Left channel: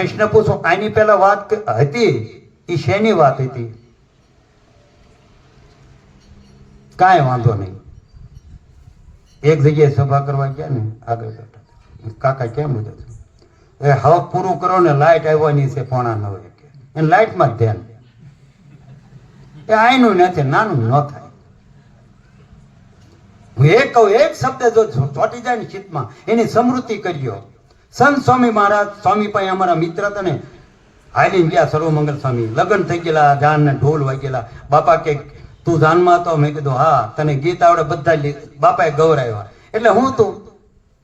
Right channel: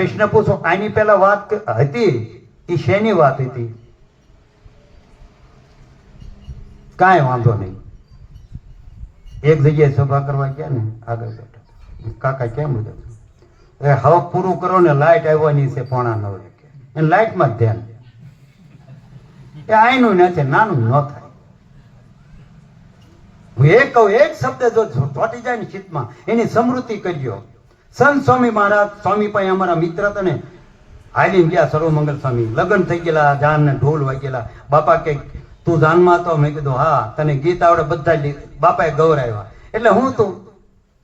પ્રશ્ન પૂછો, આની પહેલા વાત હતી એ શેની વાત હતી? કાંઈ વાંધો નહીં. એક જગ્યાએ સભા કરવા ગયા ને, આગળ બેઠા કાકા કેમ લીધા એ હવે પૂરું કરો ને, લાઈટ આવવાની છે 8:45 કે એને લાઈટમાં જ ધ્યાન. એ આઈનું નથી, નાનું ન થાય. હું એક કહું, એક શબ્દ જો ચોટી જાય ને ચિત્તમાં, એની સમૃદ્ધિ કર્યો. સંત સ્વામી મહારાજ સ્વામી પાસે અમારા મિત્ર હતા ને, હાલીને ગયા સર્વમંગલ સ્વામી. લગ્ન થઈ ગયેલા, જાન ને ઢોલ વાગેલા. બાપા કે તું જાનમાં હતો? મેં કીધું હા. તને ગીત આવડે? બધા બાપાએ ગૌરાવ્યા. એટલે હું તું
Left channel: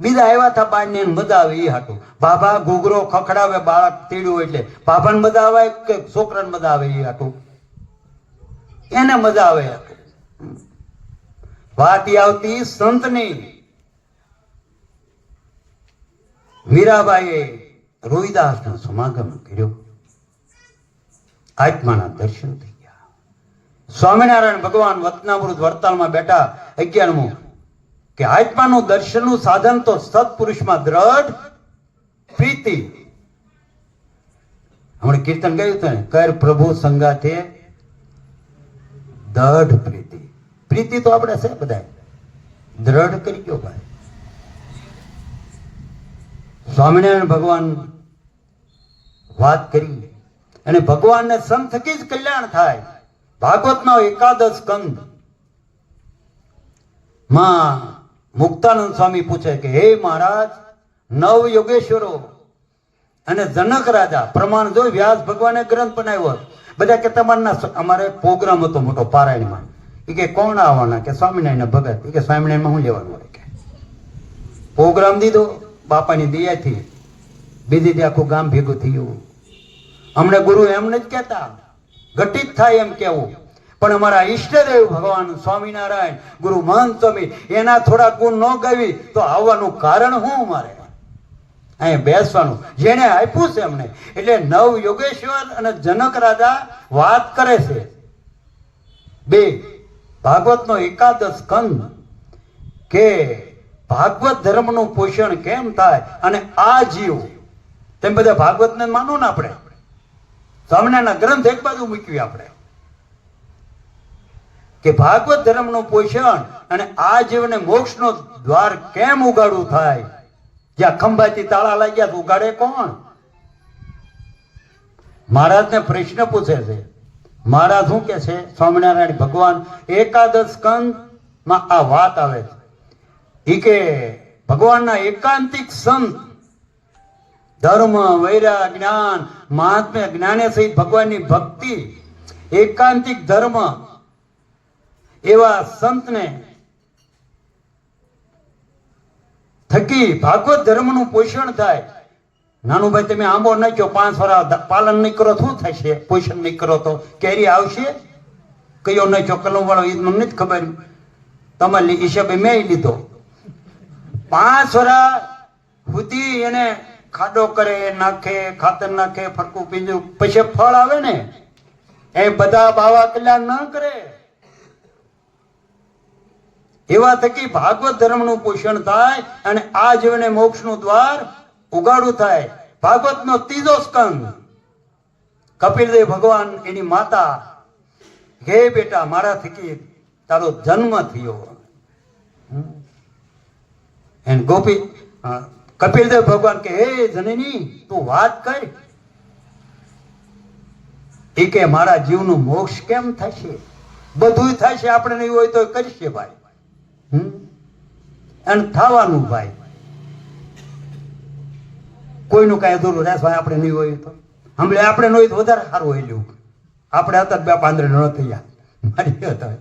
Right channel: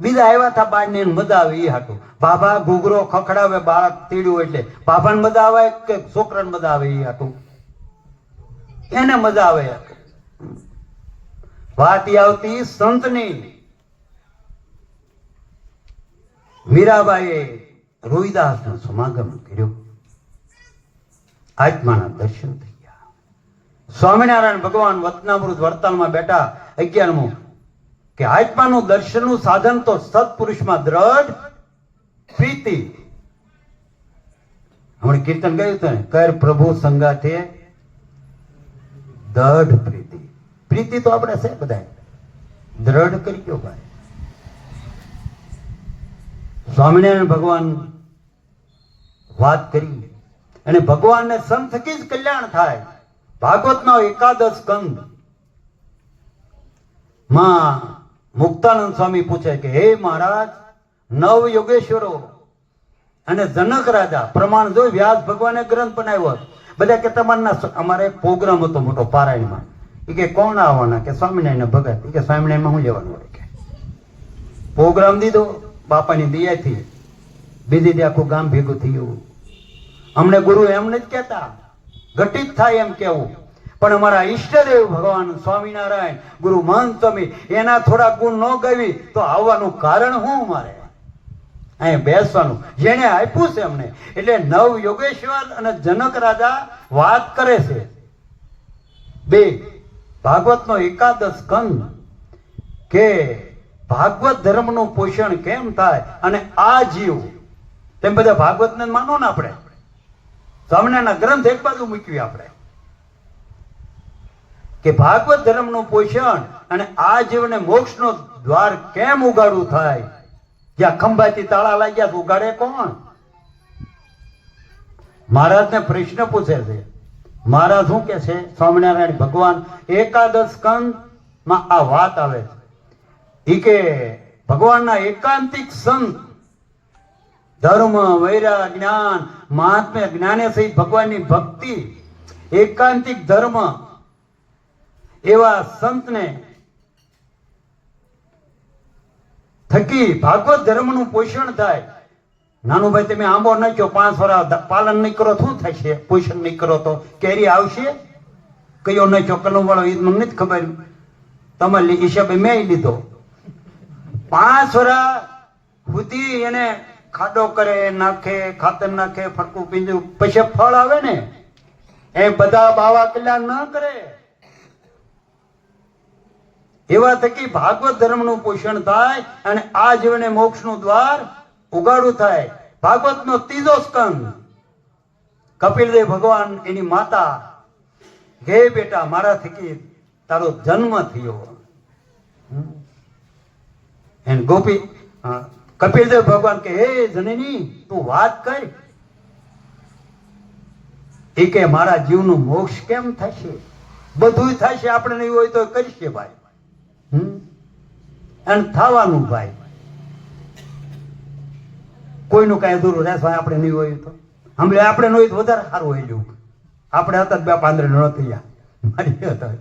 બીજા આવ્યા હતા બાર ને મજા આવે એ હાટું. બાબા ઘૂઘરો ખખડાવે, બાળ તીડ્યું એટલે બાબાને મજા આવે કે છોકરાને મજા આવે એ હાટું? એને મજા આવે. વાત આવતી સંતની. મીરાબાઈએ રોહિદાસનો સમાગમ કર્યો, આત્માના દર્શન થઈ ગયા. સ્વામિનારાયણ ભગવાન વતનામૃત વરતાલમાં બેઠા 11મું કે આત્માનું દર્શનનું સાધન તો સત્પુરુષમાં દ્રઢ પ્રીતિ. હમણાં કીર્તન ગાયું હતું ને, કર પ્રભુ સંગાથે દ્રઢ પ્રીતિ. પ્રીતિ તો આપણે છે બધા, દ્રઢ કરી ગયો ભાઈ. સ્વામિનારાયણ ભગવાન વાત કરી અને ભગવાનને સંત થકી જ કલ્યાણ થાય. ભાગવતનો 11 સ્કંદ માં મુક્તાનંદ સ્વામી પૂછે કે હે મહારાજ, 9 યોગેશ્વરો અને જનક રાજા પ્રમાણ જો વ્યાસ ભગવાને ગ્રંથ બનાવ્યો. બધા કે તમારના અમારે પ્રોગ્રામ હતો મોટો પારાયણમાં. એ કે કોણ આવવાના? કે સ્વામિનારાયણ ભગત. એ કે સ્વામિનારાયણમાં શું લેવાનું હોય? કે પ્રોગ્રામ દીધો બાપાની દયાથી. બીજી દી આખું ગામ ભેગું થયું. અમને ગુરુ એમ નથી કહેતા, ઘટિત થાય એમ કેવું. પણ અમારા ઈષ્ટદેવ ભગવાન સ્વામિનારાયણ ગુરુ મહંત સ્વામી એના થોડા ગુણ ન ગાવી તો આવવાનું કારણ શું? મારે અહીં બેસવાનું જેને આપ્યું છે અમને. એટલે 9 યોગેશ્વર અને જનક રાજા વાત કરે છે. 2 ભાગવતનો 11 સ્કંદ કે ભાગવત ધર્મનું પોષણ કેમ થાય અને આ જીવ. તેમ બધા ભાગવતને માનો ને આપણે, સ્વામિનારાયણના ગ્રંથ એક બાજુ મૂકવી આપણે, કે ભાગવત ધર્મનું પોષણ અને આ જીવને મોક્ષનો દ્વાર કેમ ઉગાડવું થાય? જ્યાં ખંભાથી તાળા લાગ્યા ઉગાડે કોણ? મહારાજને પ્રશ્ન પૂછે છે. મહારાજ શું કે છે? સ્વામિનારાયણ ભગવાન 11 સ્કંદ માં આ વાત આવે છે. એ કે ભગવાનના એકાંતિક સંત ધર્મ, વૈરાગ, જ્ઞાન, મહાત્મ્ય, જ્ઞાને સહિત ભગવાનની ભક્તિ, એકાંતિક ધર્મ એવા સંતને થકી ભાગવત ધર્મનું પોષણ થાય. નાનું ભાઈ તમે આંબો નાખ્યો, 5 વર્ષ પાલન નહીં કરો શું થશે? પોષણ નહીં કરો તો કેરી આવશે? કયો નાખ્યો કલમ વાળો એ મને નથી ખબર. તમારી હિસાબે મેં લીધો. 5 વર્ષ સુધી એને ખાડો કરે, નાખે, ખાતર નાખે, ફટકું પીંજું, પછી ફળ આવે ને. એ બધા બાવા કલ્યાણ ન કરે. એવા થકી ભાગવત ધર્મનું પોષણ થાય અને આ જીવને મોક્ષનું દ્વાર ઉગાડું થાય. ભાગવતનો 3જો સ્કંદ. કપિલદેવ ભગવાન એની માતા, હે બેટા મારા થકી તારો જન્મ થયો. એન ગોપી કપિલદેવ ભગવાન કે હે જનની તું વાત કર. એ કે મારા જીવનું મોક્ષ કેમ થશે? બધું થશે, આપણે નહીં હોય તો કરશે ભાઈ. અને થવાનું ભાઈ, કોઈનું કઈ અધૂરું રહેશે ભાઈ. આપણે નહીં હોય તો હમણાં આપણે નહીં હોય તો વધારે સારું હોય લ્યું. આપણે હતા 2 પાંદડે ન થયા. મારી હતા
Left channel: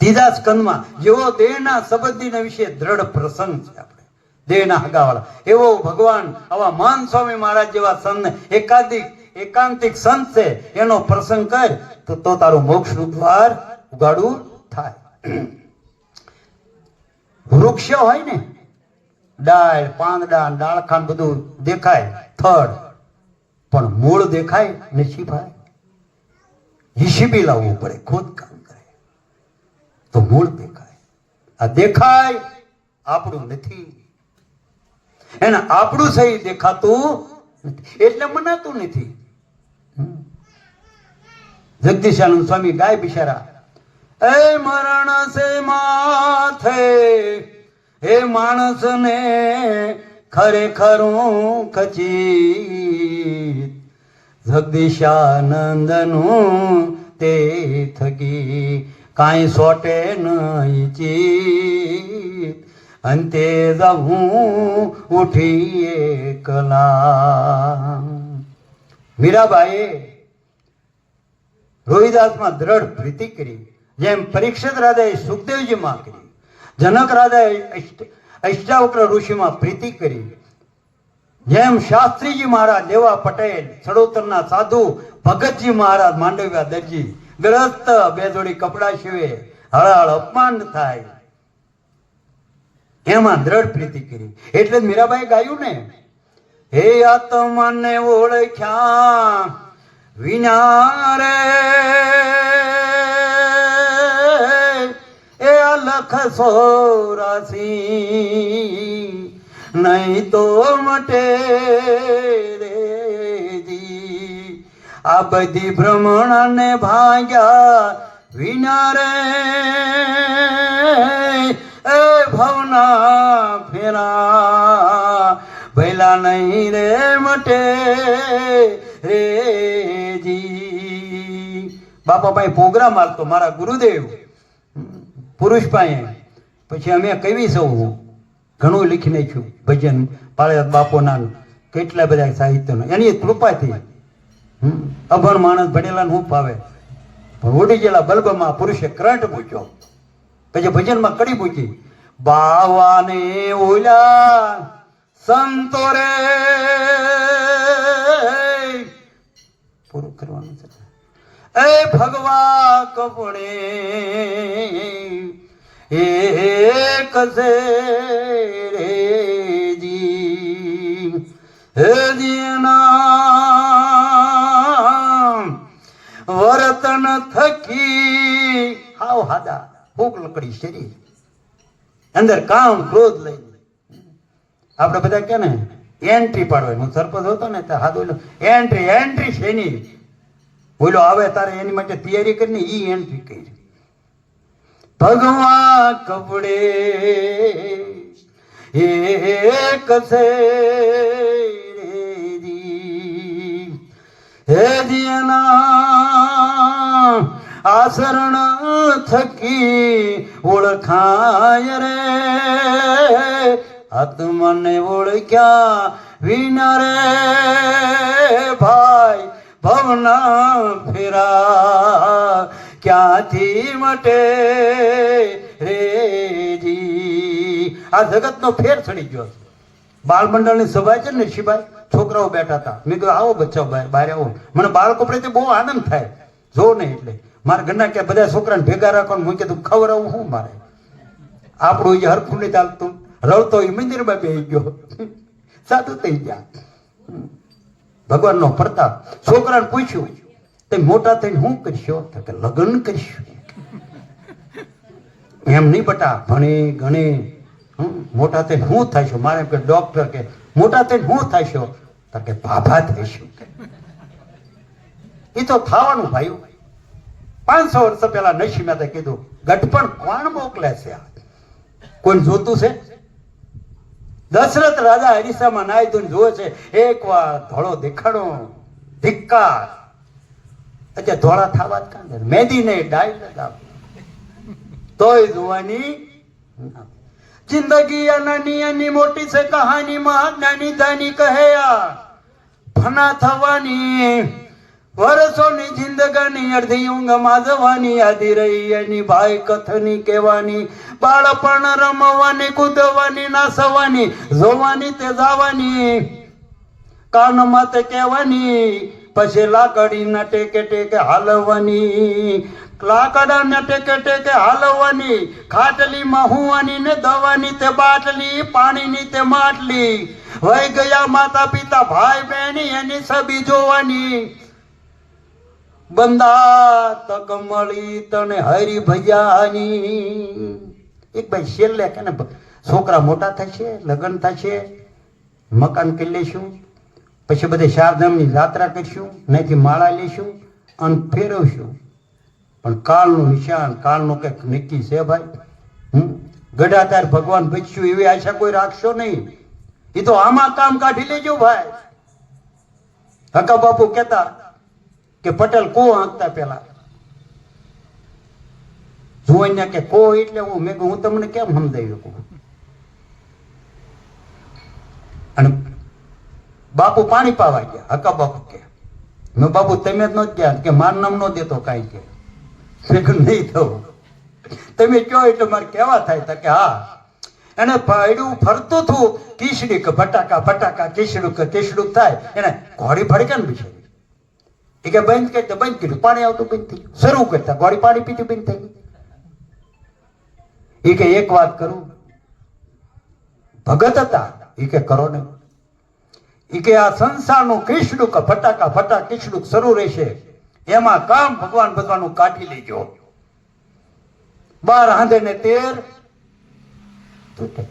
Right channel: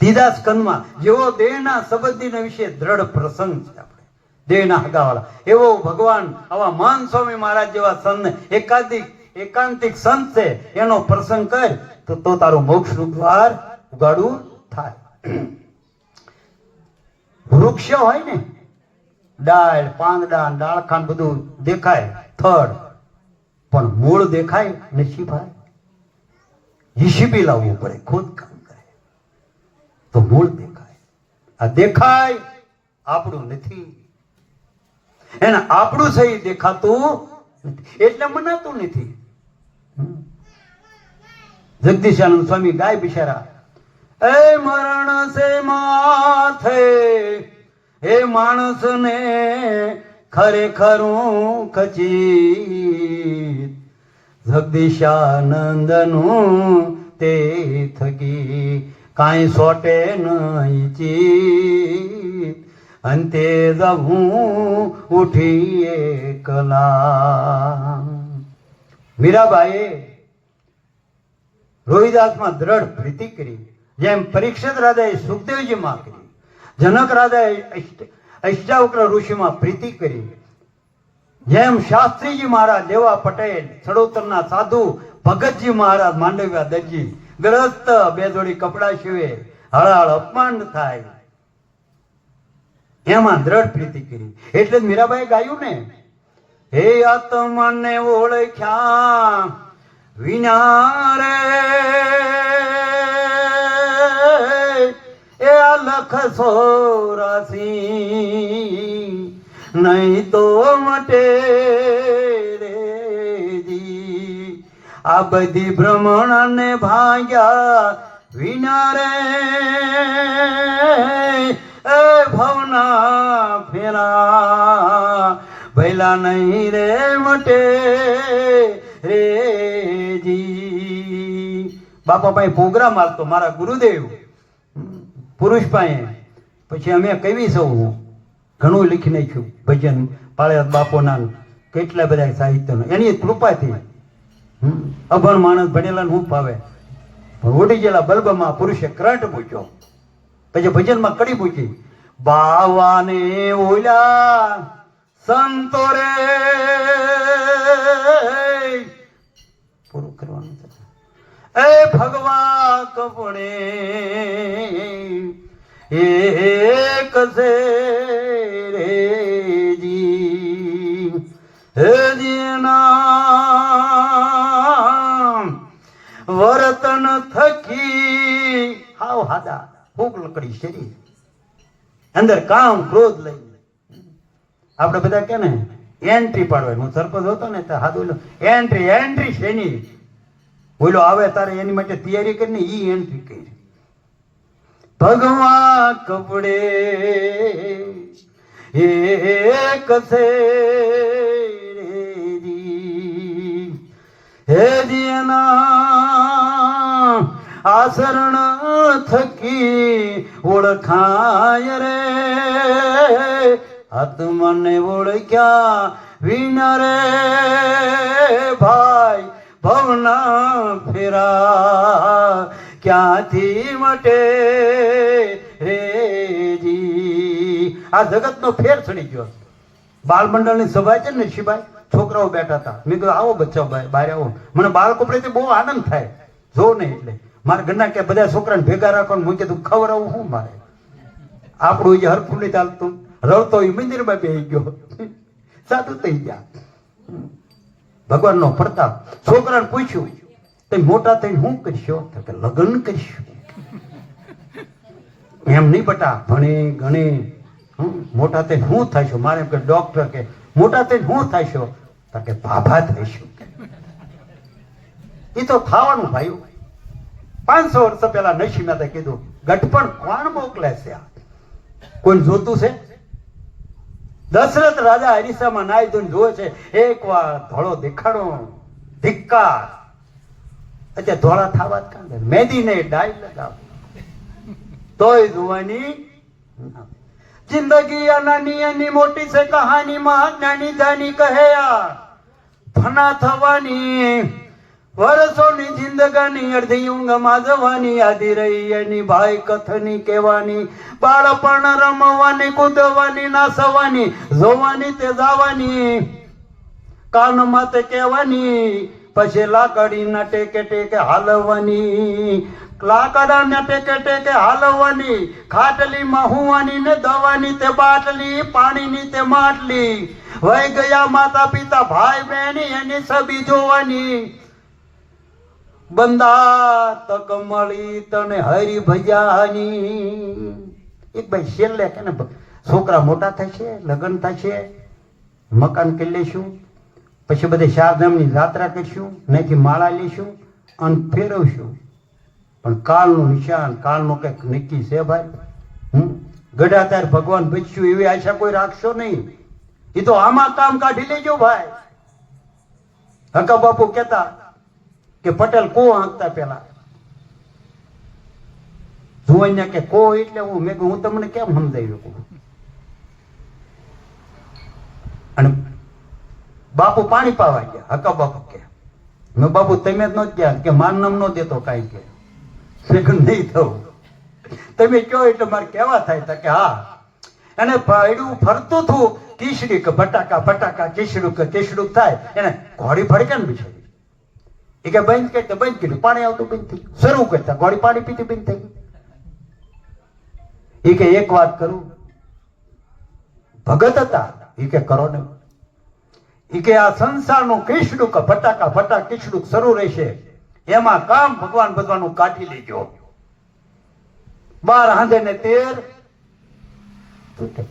3જા સ્કંદમાં જેવો દેહના સંબંધીના વિશે દ્રઢ પ્રસંગ છે. આપણે દેહના હગાવાળા એવો ભગવાન આવા મહાન સ્વામી મહારાજ જેવા સંત એકાંતિક સંત છે એનો પ્રસંગ કર તો તારું મોક્ષનું દ્વાર ઉગાડું થાય. વૃક્ષ હોય ને, ડાળ, પાંદડા, ડાળખાન બધું દેખાય, થડ, પણ મૂળ દેખાય નથી ભાઈ. જીસીબી લાવવું પડે, ખોદકામ કરે તો મૂળ દેખાય. આ દેખાય આપણું નથી. એને આપણું સહી દેખાતું એટલે મનાતું નથી. જગદીશાનંદ સ્વામી ગાય બિચારા, એ મરણ સે માથે એ માણસને ખરેખરું ખચી જગદીશાનંદનું તે થકી કાંઈ સોટે નહીં ચીત અંતે જવું ઉઠી એકલા. મીરાબાઈએ રોહિદાસમાં દ્રઢ પ્રીતિ કરી, જેમ પરીક્ષિત રાજાએ સુખદેવજીમાં કરી, જનક રાજાએ અષ્ટાવક્ર ઋષિમાં પ્રીતિ કરી, જેમ શાસ્ત્રીજી મહારાજ, લેવા પટેલ, ચડોતરના સાધુ, ભગતજી મહારાજ, માંડવ્યા દરજી, ગ્રસ્ત બે જોડી કપડા સીવે, હળાળ અપમાન થાય, એમાં દ્રઢ પ્રીતિ કરી. એટલે જ મીરાબાઈ ગાયું ને, હે આત્મને ઓળખ્યા વિના રે એ લખ 84 નહીં તો મટે રેજી. આ બધી ભ્રમણ ને ભાગ્યા વિના રે એ ભવના ફેરા ભૈલા નહીં રે મટે રેજી. બાપા પાસે પ્રોગ્રામ આવતો મારા ગુરુદેવ પુરુષ પાસે, પછી અમે કવિ સૌ ઘણું લીખી નાખ્યું, ભજન પાળિયાદ બાપોના, કેટલા બધા સાહિત્યનો, એની કૃપાથી. અભણ માણસ ભણેલા હું પાવે, ઉડી ગયેલા બલ્બમાં પુરુષે કરંટ પૂછ્યો, પછી ભજનમાં કડી પૂછી, બાવાને ઓલા સંતો રે પૂરું કરવાનું છે. એ ભગવા કપડે એક સે રેજી હે જીના વર્તન થકી હાવ હાદા ભૂખ લકડી શરીર, અંદર કામ ક્રોધ લઈ. આપણે બધા કે ને એન્ટ્રી પાડવાની, હું સરપંચ હતો ને તો હા બોલો એન્ટ્રી એન્ટ્રી શેની બોલો આવે તારે એની માટે તૈયારી કરીને ઈ એન્ટ્રી કરી. ભગવા કપડે એક સે હે જીના આસરણ થકી ઓળખાય રે આત્મને ઓળખ્યા વિના રે ભાઈ ભવના ફેરા ક્યાંથી મટે રેજી. આ જગતનો ફેર ચડી ગયો. બાળમંડળની સભા છે ને શિવાય, છોકરાઓ બેઠા હતા, મેં કહ્યું આવો બચ્ચા ભાઈ બહાર આવો. મને બાળકો પ્રત્યે બહુ આનંદ થાય, જો ને એટલે મારા ઘરના કે બધા છોકરાને ભેગા રાખવાનું, હું કીધું ખવડાવું શું મારે, આપણું એ હરખું નહીં ચાલતું, રડતો એ મંદિરમાં બેસી ગયો, સાધુ થઈ ગયા. ભગવાનનો પ્રતાપ. છોકરાને પૂછ્યું તે મોટા થઈને શું કરશો, કે લગ્ન કરશું. એમ નહીં બટા, ભણે ગણે મોટા થઈને શું થઈશું. મારે કે ડોક્ટર કે મોટા થઈને શું થઈશો, કે ભાભા થઈશું. એ તો થવાનું ભાઈ. 500 વર્ષ પહેલા નરસિંહ મહેતા કીધું, ગઢપણ કોણ મોકલે છે, કોણ જોતું છે? દશરથ રાજા હરીસામાં નાઈ ધોઈને જોવે છે, એક વાર ધોળો દેખાડો ધિક્કાર. અત્યારે ધોળા થવા જ કાંઈ મહેંદી ને ડાય લગાવ તોય જોવાની. જિંદગી નાની એની મોટી છે કહાનીમાં, નાની દાની કહે ફના થવાની. વર્ષોની જિંદગાની અડધી ઊંઘમાં જવાની, આધી રહી એની ભાઈ કથની કહેવાની. બાળપણ રમવાની, કૂદવાની, નાસવાની, જોવાની તે જવાની, કાનમાં તે કહેવાની, પછી લાકડી ના ટેકે ટેકે હાલવાની, લાકડા ટેકે ટેકે હાલવાની, ખાટલીમાં હુવાની ને દવાની તે બાટલી, પાણીની તે માટલી. વહી ગયા માતા પિતા ભાઈ બહેની એની છબી જોવાની. બંદા તક મળી તને હરી ભજાની. એક ભાઈ છેલ્લે કે ને છોકરા મોટા થશે, લગ્ન થશે, મકાન કરી લેશું, પછી બધી ચારધામની યાત્રા કરશું, નહીંથી માળા લઈશું અને ફેરવશું. પણ કાળનું નિશાન, કાળનું કંઈક નક્કી છે ભાઈ. ગઢા તાર ભગવાન બચ્યું એવી આશા કોઈ રાખશો નહીં. એ તો આમાં કામ કાઢી લેજો ભાઈ. હકા બાપુ કહેતા કે પટેલ કો આંકતા પેલા જોઈને કે કો એટલે હું તમને કેમ સમજાવ્યું. અને બાપુ પાણી પાવા ગયા. હકા બાપુ કે મેં બાપુ તમે જ ન ગયા કે માર નામ ન દેતો કાંઈ કે નહીં થવું. તમે કહો એટલે મારે કેવા થાય કે હા. એને પાડ્યું ફરતું હતું કીસડી કે ફટાકા ફટાકા કીસડું કે કીસડું થાય એને ઘોડી ફડકે ને બિચારી. એ કે બંધ કરી બંધ કર્યું, પાણી આવતું બંધ થઈ ગયું. શરૂ કરતા ઘોડી પાણી પીતી બંધ થઈ ગઈ. એ કે એક વાત કરું, ભગત હતા એ કે કરો ને. એ કે આ સંસારનું કીસડું કે ફટાકા ફટા કીસડું શરૂ રહેશે, એમાં કામ ભગવાન ભગવાનનું કાઢી લેજો. 12 હાંધે ને 13 તૂટે.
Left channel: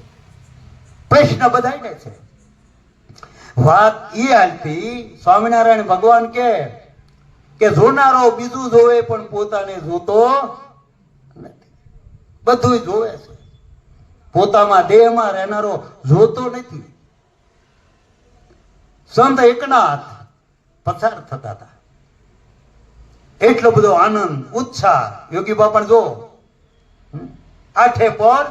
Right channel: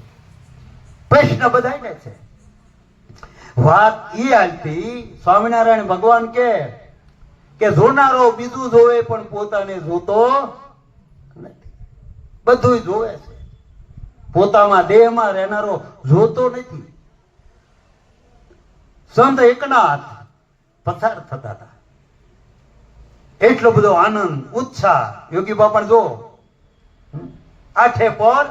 પ્રશ્ન બધાને છે. વાત ઈ હાલતી સ્વામિનારાયણ ભગવાન કે જોનારો બીજું જોવે પણ પોતાને જોતો નથી. બધું જોવે છે, પોતામાં દેહમાં રહેનારો જોતો નથી. સંત એકનાથ પસાર થતા હતા, એટલો બધો આનંદ ઉત્સાહ. યોગી બાપા જો આઠે પર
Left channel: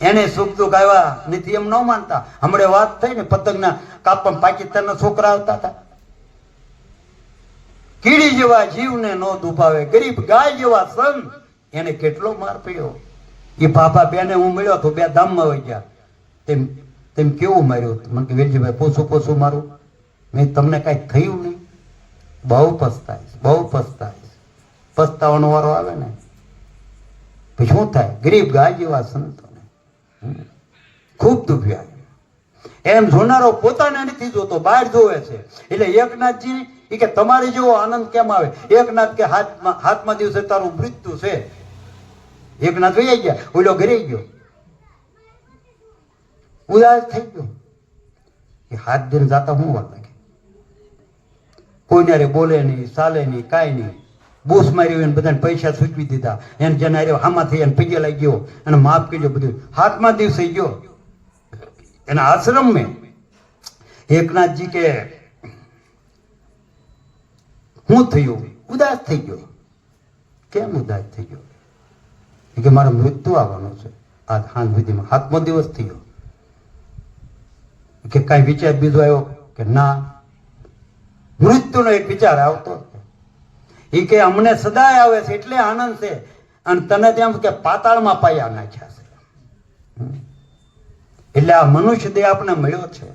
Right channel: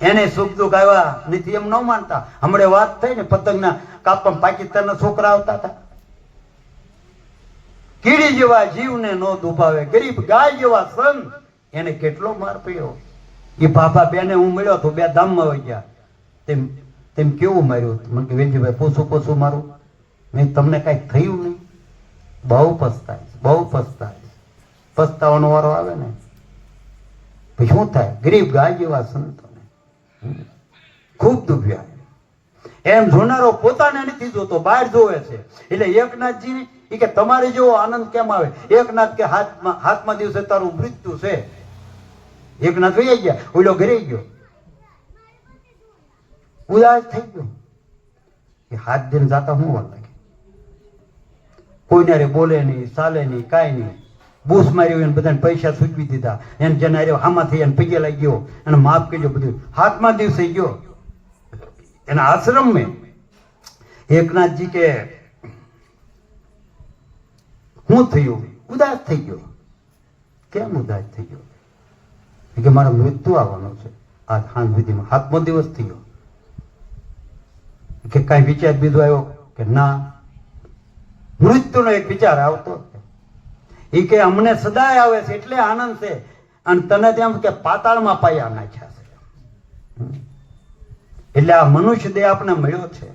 એને સુખ દુઃખ આવ્યા નથી એમ ન માનતા. હમણાં વાત થઈ ને પતંગના કાપમાં પાકિસ્તાનના છોકરા આવતા હતા. કીડી જેવા જીવને ન દુભાવે, ગરીબ ગાય જેવા સંત એને કેટલો માર પડ્યો. એ બાપા બેને હું મળ્યો તો 2 ધામમાં વહી ગયા. તેમ કેવું માર્યું? મને કે વેલજીભાઈ પોસું મારું. મેં તમને કાંઈક થયું નહીં. બહુ પસ્તાય. પસ્તાવાનો વારો આવે ને પછી શું થાય? ગરીબ ગાય જેવા સંતોને ખૂબ દુભ્યા. એમ જોનારો પોતાને નથી જોતો, બહાર જોવે છે. એટલે એકનાથજી એ કે તમારે જેવો આનંદ કેમ આવે? એકનાથ કે હાથમાં દિવસે તારું મૃત્યુ છે. એકનાથ વહી ગયા, ઓલો ઘરે ગયો, ઉદાસ થઈ ગયો. એ હાથ દિન જાતા હું વાત લાગે, કોઈને બોલે નહીં, ચાલે નહીં, કાંઈ નહીં. બૂસ માર્યું એને બધાને પૈસા સૂચવી દીધા. એને જેના હામાંથી એને પગે લાગી ગયો અને માફ કરજો બધું. હાથમાં દિવસે ગયો એના આશ્રમ મેં. એકનાથજી કે શું થયું? ઉદાસ થઈ ગયો. કેમ ઉદાસ થઈ ગયો? કે મારો મૃત્યુ આવવાનું છે. આ સાંજ સુધીમાં 7મો દિવસ થયો. કે કાંઈ વિચાર બીજો આવ્યો? કે ના, મૃત્યુનો એક વિચાર આવતો. એ કે અમને સદાય આવે છે એટલે આનંદ છે, અને તને તેમ કે પાતાળમાં પાયા નાખ્યા છે. એટલે આ મનુષ્ય દેહ આપણે મળ્યો છે.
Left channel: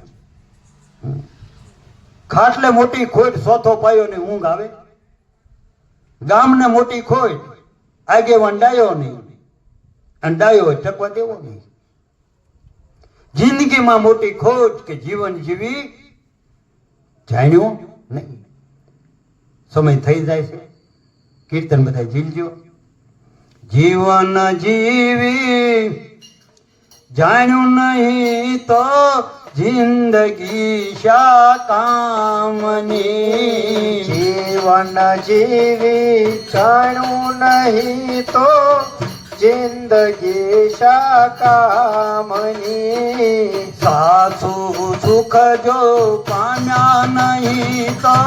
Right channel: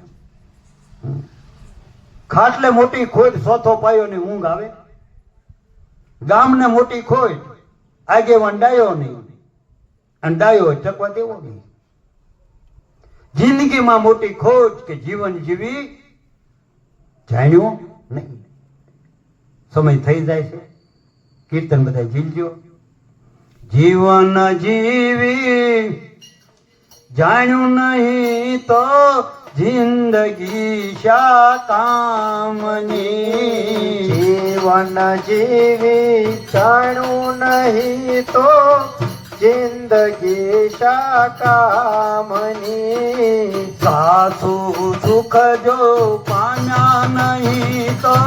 ખાટલે મોટી ખોટ, ચોથો પાયો ની ઊંઘ આવે. ગામને મોટી ખોટ, આગેવાન ડાયો નહીં, અને ડાયો ટકવા દેવો નહીં. જિંદગીમાં મોટી ખોટ કે જીવન જીવી જાણ્યું નહીં. સમય થઈ જાય છે. કીર્તન બધા જીલજો. જીવન જીવી જાણ્યું નહીં તો જિંદગી શા કામની. જીવન જીવી જાણ્યું નહીં તો જિંદગી શા કામની. સાસુ સુખ જો પામ્યા નહીં તો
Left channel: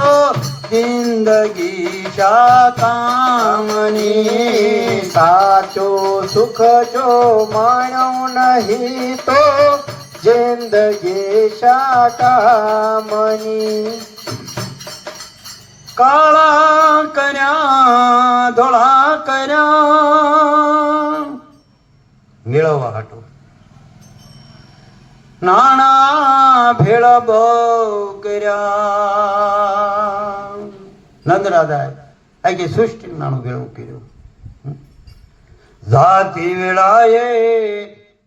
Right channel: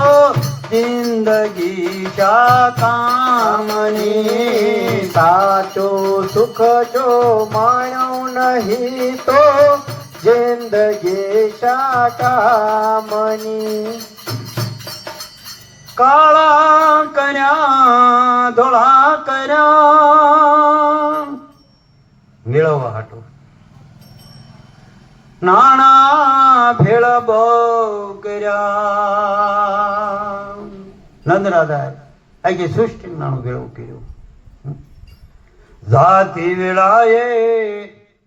જિંદગી શા કામની. સાચું સુખ જો માણ્યું નહીં તો જિંદગી શા કામની. કાળા કર્યા ધોળા કર્યા મેળવવા હાટું, નાણા ભેળ બહુ કર્યા. નંદરાજા આખી સૃષ્ટિ નાણું ભેળું કર્યું. જાતિ વેળાએ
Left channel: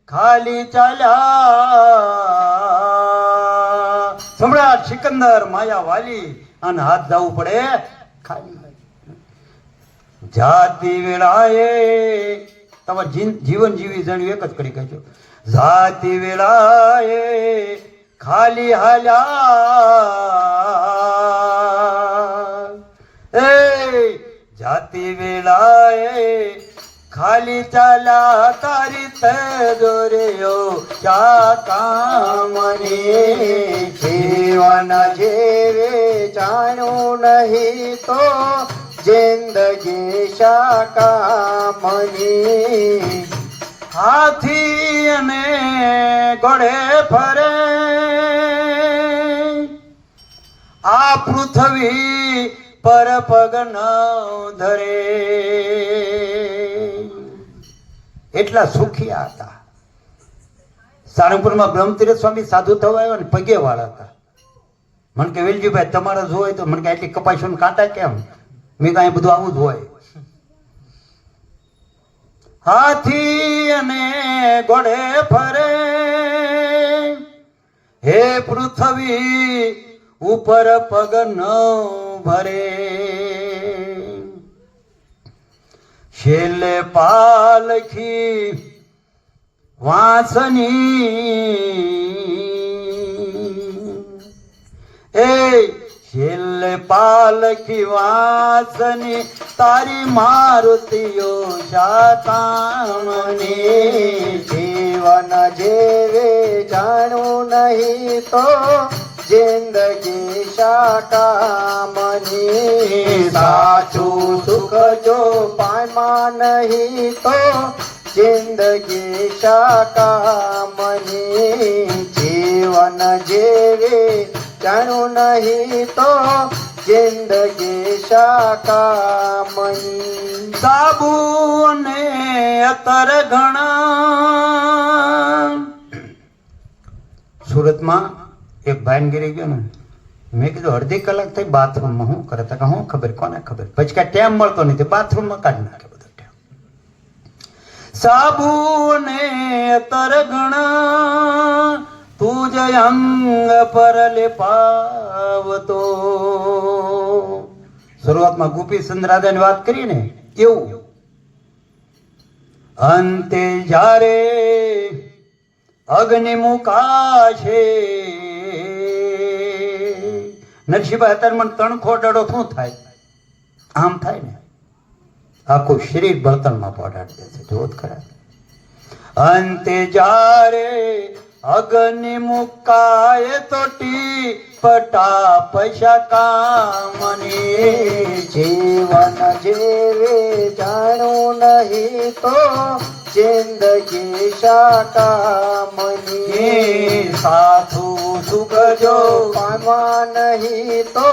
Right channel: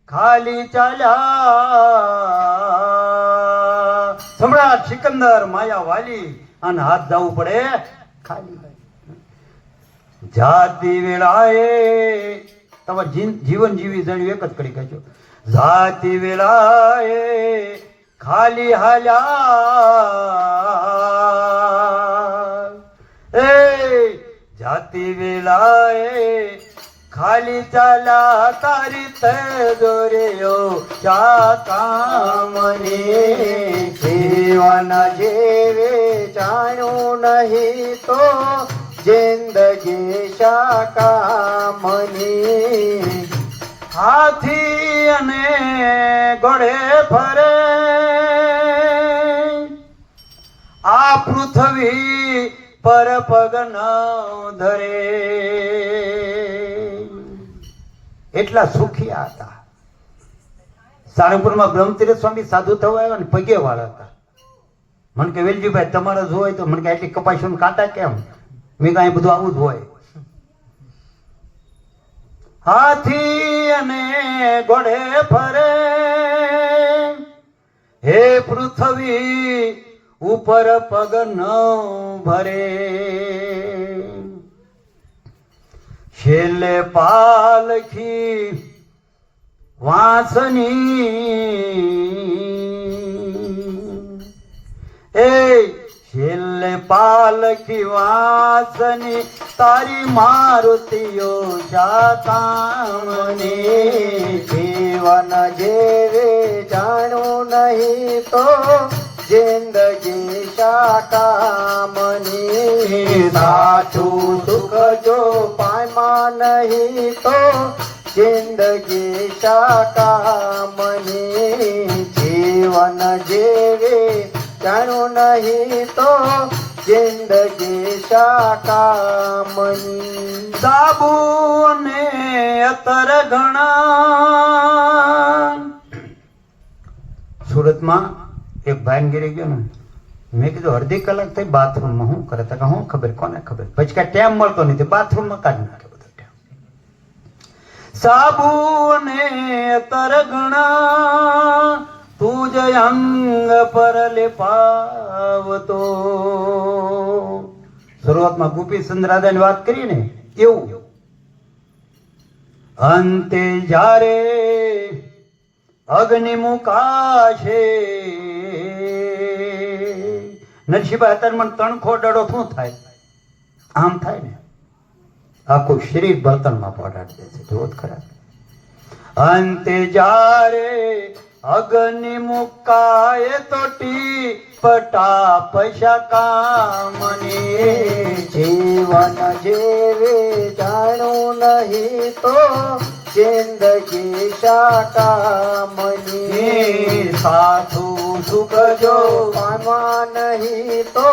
ખાલી ચાલ્યા. સમ્રાટ સિકંદર માયા વાલી અને હાથ જવું પડે ખાલી. જાતિ વેળાએ તમારે જીવન જીવી જાણ્યું એક જ કરી કહેજો. જાતિ વેળાએ ખાલી હાલ્યા એ જાતિ વેળાએ ખાલી ચાલ્યા તારી તે દોર્યો ચાતામણી જીવન જેવે જાણું નહીં તો જિંદગી શાકામની હાથી અને ઘોડે ફરે આ પૃથ્વી પર પગ ન ધરે એટલા સુખિયા હતા. સારંગપુરમાં બ્રહ્મતીર્થ સ્વામી સાધુ થવા આવ્યા ને પગે વાળા હતા. મને કે વેલજીભાઈ તમારે જો હોય તો મને કે આટલી કપાસી કાંટા કેમ? મેં કાંઈ બધું આવું જ હોય. હાથી અને ઘોડે ફરે હે પૃથ્વી ઉપર પગ ન ભરે છેલ્લે પાલખી વાસની એ છેલ્લે પાલખી વાસની તારી મારુતિઓ શાતામણી જીવન જેવે જાણું નહીં તો જિંદગી શાકામની સાચું સુખ જો પામા નહીં તો જિંદગી શાકામની જીવન જેવે જાણું નહીં તો જિંદગી શાકામની સાબુ ને અત્તર ઘણા સુરતમાં એક ભાઈ ગીરી ગયો ને મેં કીધું અડધી કલાક થઈ બાથરૂમમાં શું કરે તો હું ખબર કોને ખબર પછી કાંઈ ટાઈમ મળતો નથી બાથરૂમમાં કાઢી નાખે બધો ટાઈમ સાબુ ને અત્તર ઘણા તું જ અંગ પર લેપાવતો શરૂઆતમાં ગોપીચંદ રાજાની વાત કરી ને એવું અંતે જ્યારે અગ્નિ મુકાશે નરસિંહભાઈ અત્યારે મને તણખો ડડો શું થાય આમ થાય ને આખું શરીર બળતણમાં પહોંચાડી દે છે જોત ખરા અંતે જ્યારે અગ્નિ મુકાય તો ટીપટા પૈસા કામની જીવન જેવે જાણું નહીં તો જિંદગી શાકામની સાધુ સુખ જો પામા નહીં તો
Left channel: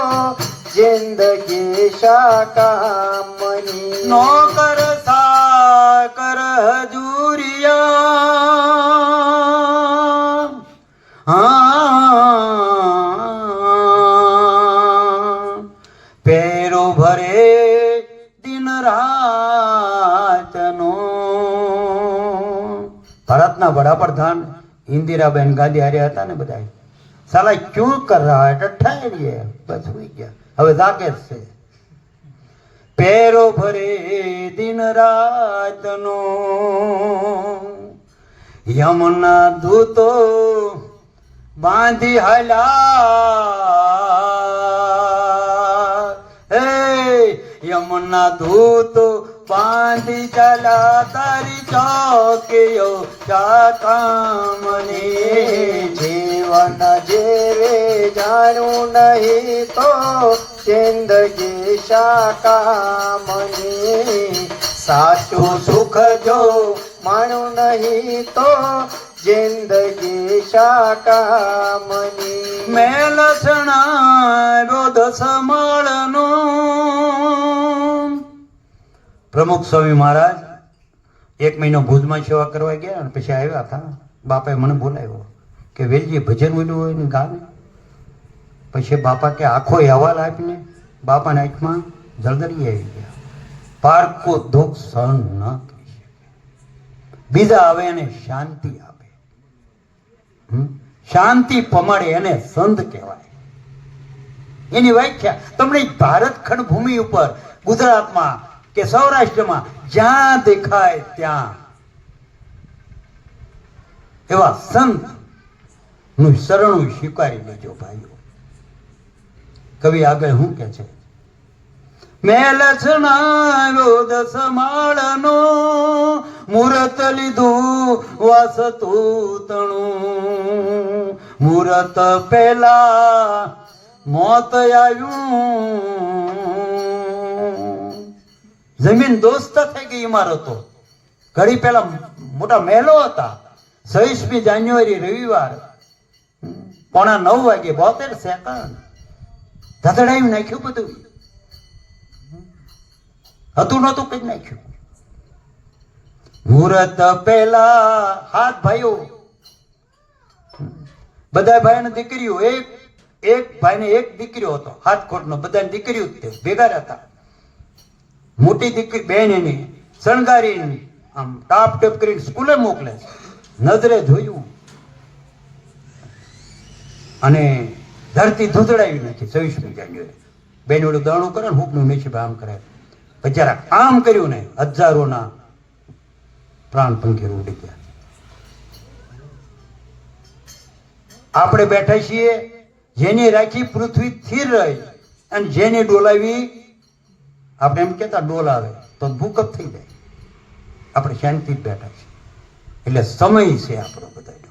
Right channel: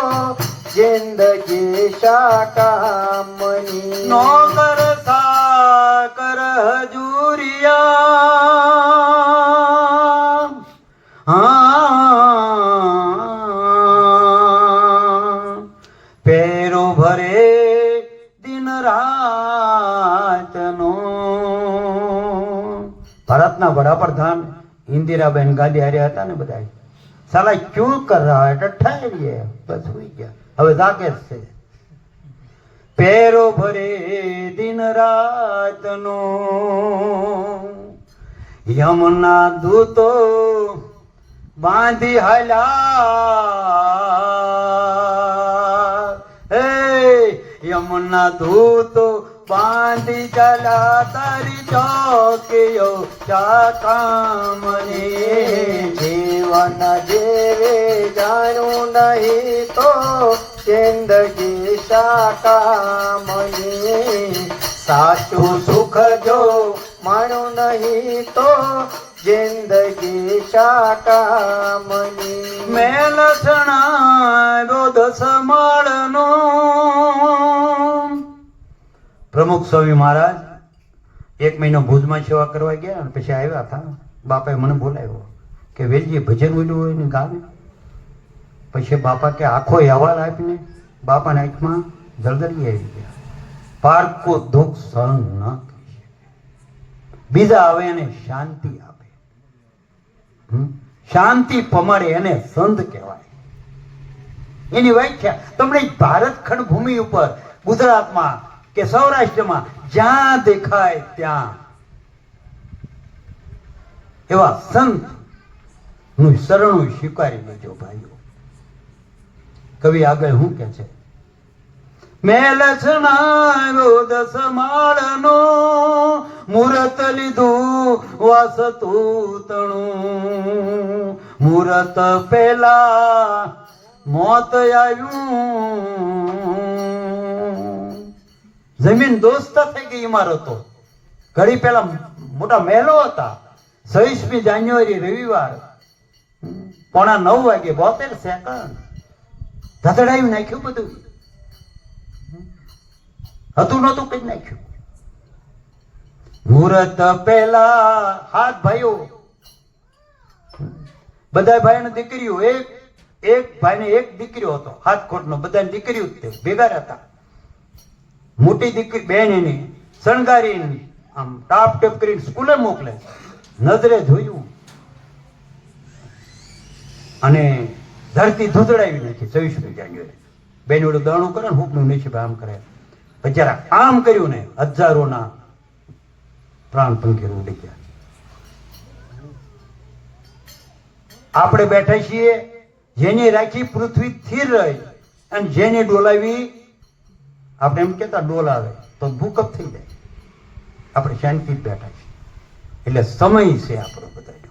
જિંદગી શાકામની નોકર સાકર હજુરિયા પેરો ભરે દિન રાતનો ભારતના વડાપ્રધાન ઇન્દિરાબેન ગાંધી હારે હતા ને બધા સાલા ક્યું કર રહા હે ઠહરીએ બસ હોઈ ગયા હવે જાગે છે પેરો ભરે દિન રાતનો યમુના દૂતો બાંધી હાલ્યા હે યમુના દૂતો બાંધી ચલા તારી ચોકીઓ ચાતામણી જીવન જેવે જાણું નહીં તો જિંદગી શાકામણી સાચું સુખ જો માણું નહીં તો જિંદગી શાકામણી મેલ સણાવ્યો દસમાળનો પ્રમુખ સ્વામી મહારાજ એક મહિનો ભુજમાં સેવા કરવા ગયા અને પછી આવ્યા હતા બાપાએ મને બોલાવ્યો કે વેલજી ભજન બોલ્યું હોય ને ગામે પછી બાપા કે આખો અહેવાલ આપીને બાપાના આંખમાં જળદરી આવી ગયા પારકો દુઃખ સહન ન કરી શકે બીજા આવે એને શાંતિ આપે શાંતિ પમાડે એને સંત કહેવાય એની વ્યાખ્યા તમને ભારત ખંડ ભૂમિ ઉપર ગુજરાતમાં કે સૌરાષ્ટ્રમાં જ્યાં દેખાય ત્યાં એવા સંત નું શરણું સ્વીકારી લેજો ભાઈઓ. કવિ આગળ શું કે છે? મેલ છનાવ્યો દસ માળનો, મુરત લીધું વાસતું તણું, મુરત પેલા મોત આવ્યું. જમીન દોસ્ત થઈ ગઈ ઇમારતો. ઘડી પેલા મોટા મહેલો હતા. 26મી જાન્યુઆરી રવિવાર 9:45 વાગે 72 સેકન્ડ ધતડાવી નાખ્યું બધું. હતું નતું કઈ નાખ્યું. મુહૂર્ત પહેલા હાથ ભાઈઓ, બધા ભાઈ દીકરીઓ, એક ભાઈને એક દીકરીઓ હતો, હાથ ખોટનો, બધા દીકરીઓ જ તે ભેગા હતા. મોટી દીકરી બેન એની શણગારી આમ ટાપ ટેપ કરી સ્કૂલે મોકલે. નજરે જોયું અને ધરતી ધૂંધળાવી નાખી. 26મી જાન્યુઆરી બેન ઓલું દાણું કરે ને હુકનું નસીબ આમ કરે. બચારા આમ કર્યું ને હજારોના પ્રાણ પંખી ઉડી ગયા. આપણે બેઠા છીએ, જેની રાખી પૃથ્વી સ્થિર રહી અને જેની ડોલાવી આપણે એમ કેતા ડોલાવે તો ભૂકંપ થઈ જાય. આપણે શાંતિ બેઠા છીએ. એટલે સમય છે આપણો બધાનો.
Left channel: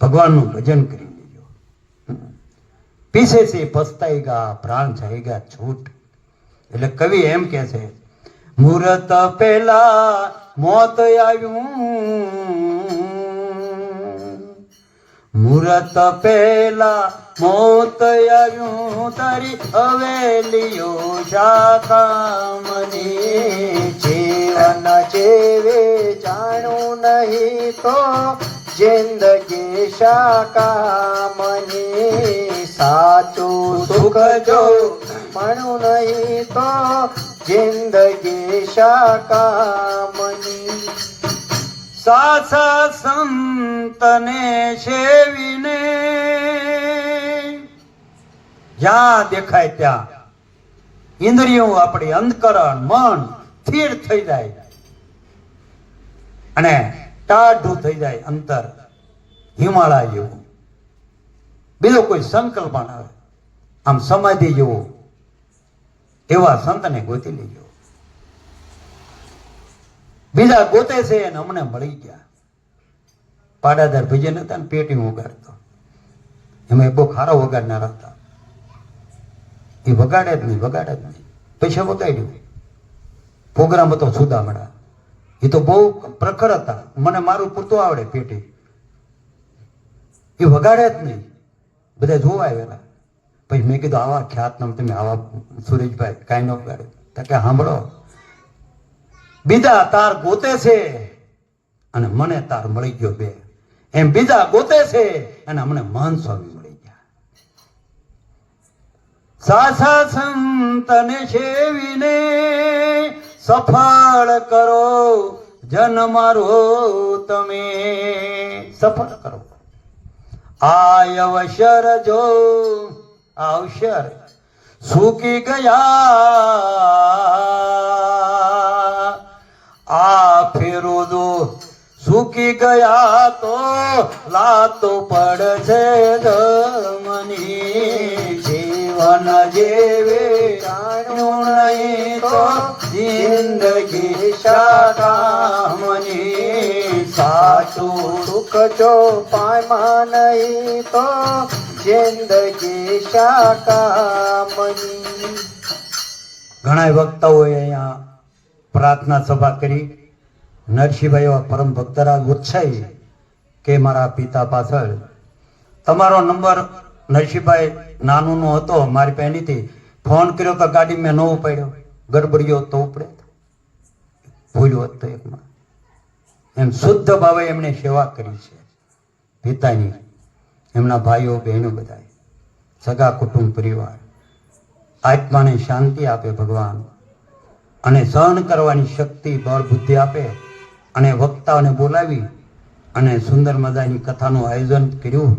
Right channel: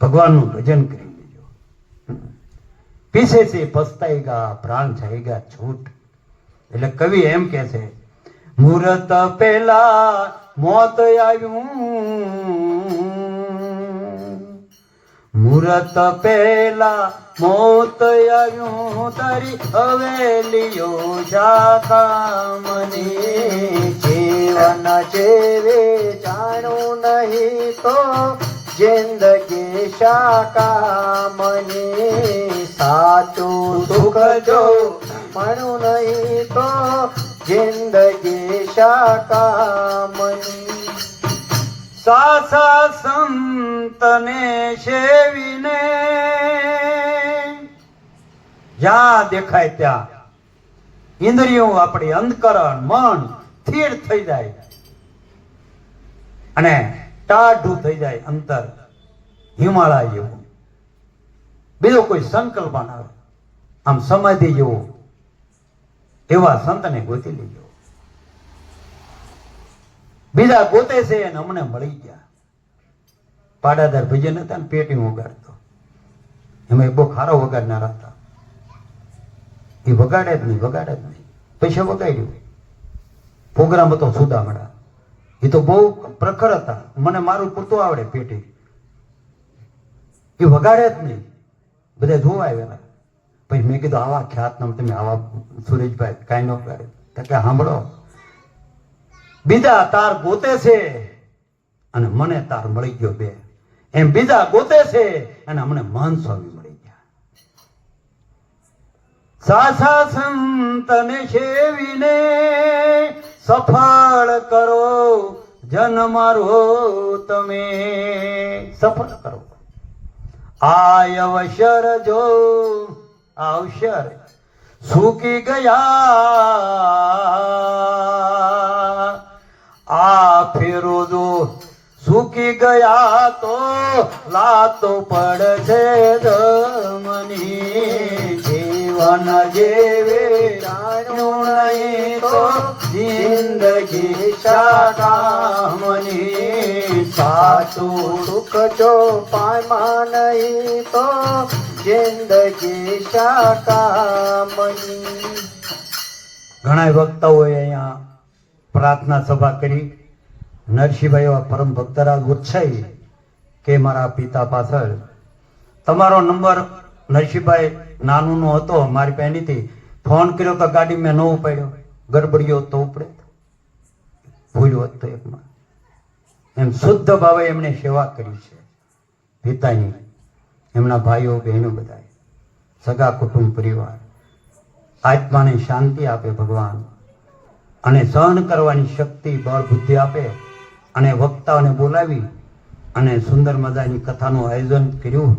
ભગવાનનું ભજન કરી લેજો. પીસે છે પસ્તાએગા, પ્રાણ જાએગા છૂટ. એટલે કવિ એમ કે છે, મુહૂર્ત પહેલા મોત આવ્યું, મુહૂર્ત પહેલા મોત આવ્યું, તારી હવેલીઓ શાકામની. જીવન જેવે જાણું નહીં તો જિંદગી શાકામની. સાચું સુખ જો મળું નહીં તો જિંદગી શાકામની. સાસા સંતને સેવીને જ્યાં દેખાય ત્યાં ઇન્દ્રિયો આપણી અંતકરણ મન સ્થિર થઈ જાય અને ટાઢું થઈ જાય અંતર હિમાલય જેવું. બીજો કોઈ સંકલ્પ ના આવે, આમ સમાધિ જેવો. એવા સંતને ગોતી લેજો. બીજા ગોતે છે અને અમને મળી ગયા. પાડાદાર ભજન હતા ને પેટી વગાડતો, એમાં બહુ ખારો વગાડનાર હતા. એ વગાડે જ નહીં. પૈસા વગાડ્યું. પ્રોગ્રામ હતો સુદામડા. એ તો બહુ પ્રખર હતા. મને મારું પૂરતું આવડે પેટી. એ વગાડે જ નહીં. બધા જોવા આવેલા. પછી મેં કીધું આવા ખ્યાત નામ તમે આવા સુરેશભાઈ કાંઈ ન વગાડે. તો કે સાંભળો, બીજા તાર ગોતે છે અને મને તાર મળી ગયો બે. એમ બીજા ગોતે છે અને અમને મહંત સ્વામી મળી ગયા. સાસા સંતને સેવીને સફળ કરો જન મારો તમે. સફળ કરો. આય અવસર જો અવસર સૂકી ગયા, આ ફેરો દો સૂકી ગયા તો લાતો પડશે ધમની. જીવન જેવે જાણ્યું નહીં તો જિંદગી શાકામની. સાચું સુખ જો પામા નહીં તો જિંદગી શાકામની. ઘણા વક્તાઓએ અહીંયા પ્રાર્થના સભા કરી. નરસિંહભાઈ પરમ ભક્તરાજ ઉત્સાહી કે મારા પિતા પાછળ તમારો નંબર નરસિંહભાઈ નાનું હતો, મારી પહેલીથી ફોન કર્યો તો ગાડી મેં ન ઉપાડ્યો. ગડબડિયો તો ઉપડે, ભૂલ્યો હતો એકમાં. એમ શુદ્ધ ભાવે એમણે સેવા કરી છે પિતાની. એમના ભાઈઓ બહેનો બધા સગા કુટુંબ પરિવાર. આત્માને શાંતિ આપે ભગવાન, અને સહન કરવાની શક્તિ બળ બુદ્ધિ આપે. અને વક્તાઓને બોલાવી અને સુંદર મજાની કથાનું આયોજન કર્યું.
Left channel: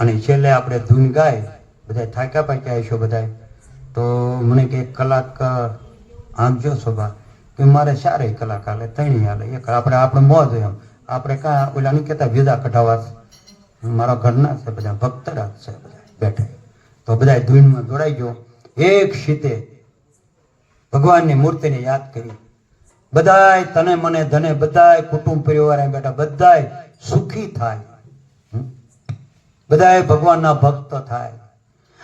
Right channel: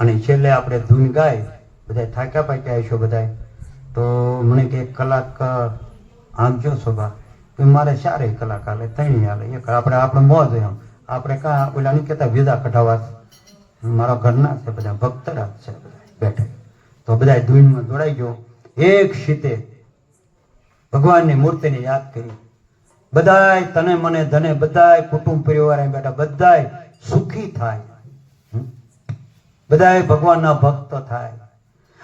અને છેલ્લે આપણે ધૂન ગાય. બધા થાક્યા પાક્યા હશો બધા. તો મને કે કલાક આંકજો સભા. કે મારે 4 કલાક હાલે, 3 હાલે, 1 આપણે મોજ એમ આપણે કાં ઓલા નહીં કહેતા વિદા કઢાવા છે. મારા ઘરના છે બધા ભક્તરા છે બધા બેઠા. તો બધા ધૂનમાં જોડાઈ ગયો. એક શીતે ભગવાનની મૂર્તિને યાદ કરી. બધાય તને મને ધને બધાય કુટુંબ પરિવાર અહીં બેઠા બધાય સુખી થાય. બધાય ભગવાનના ભક્ત થાય.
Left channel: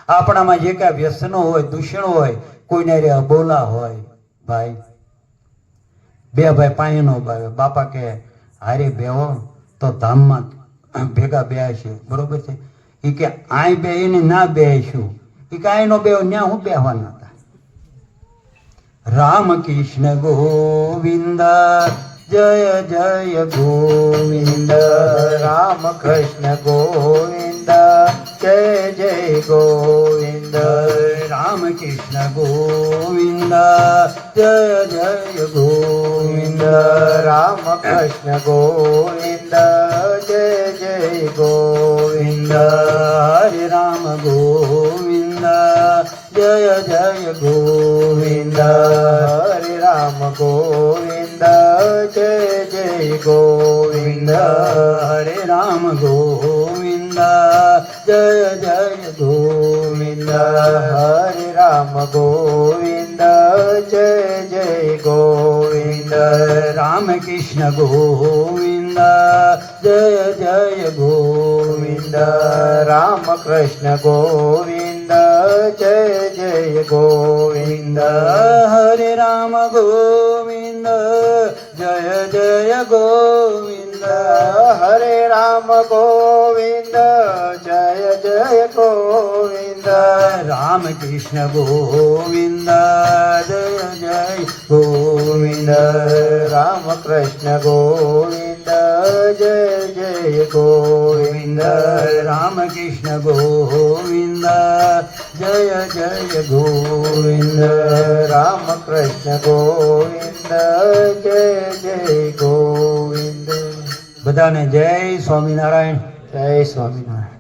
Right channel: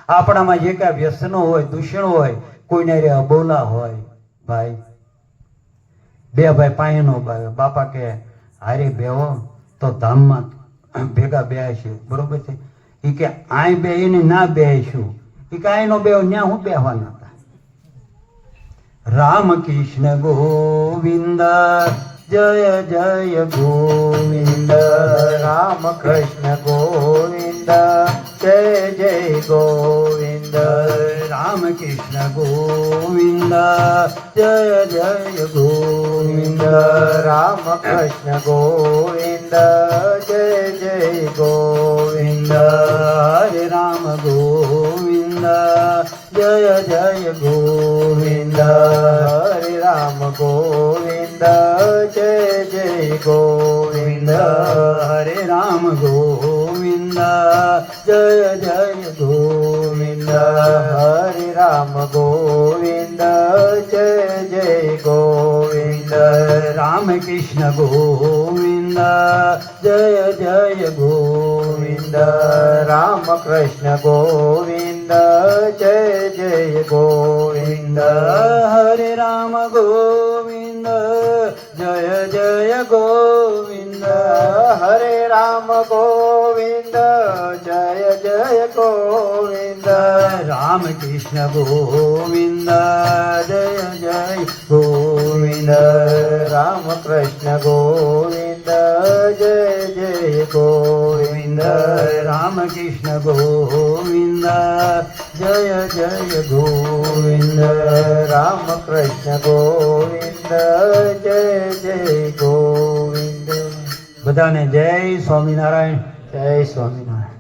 આપણામાં જે કાંઈ વ્યસનો હોય દૂષણો હોય કોઈને રે અબોલા હોય ભાઈ બે ભાઈ પાયે નો બાવે બાપા કે હારે બેહો તો ધામમાં ભેગા બેહાય બરોબર છે. એ કે આય બે એને ના બેહીશું એ કે આય નો બેહો ન્યા હું બેહવાના હતા. રામ કૃષ્ણ ગોવિંદ જય જય ગોવિંદ. રામ કૃષ્ણ ગોવિંદ જય જય ગોવિંદ. રામ કૃષ્ણ ગોવિંદ જય જય ગોવિંદ. રામ કૃષ્ણ ગોવિંદ જય જય ગોવિંદ. હરે રામ ગોવિંદ જય જય ગોવિંદ. હરે રામ ગોવિંદ જય જય ગોવિંદ. હરે રામ ગોવિંદ જય જય ગોવિંદ. હરે રામ ગોવિંદ જય જય ગોવિંદ. રામ કૃષ્ણ ગોવિંદ જય જય ગોવિંદ. રામ કૃષ્ણ ગોવિંદ જય જય ગોવિંદ. હરે રામ ગોવિંદ જય જય ગોવિંદ. હરે રામ ગોવિંદ જય જય ગોવિંદ. રામ કૃષ્ણ ગોવિંદ જય જય ગોવિંદ. રામ કૃષ્ણ ગોવિંદ જય જય ગોવિંદ. રામ કૃષ્ણ ગોવિંદ જય જય ગોવિંદ. રામ કૃષ્ણ ગોવિંદ જય જય ગોવિંદ. બધાને જય સ્વામિનારાયણ. જય સ્વામિનારાયણ.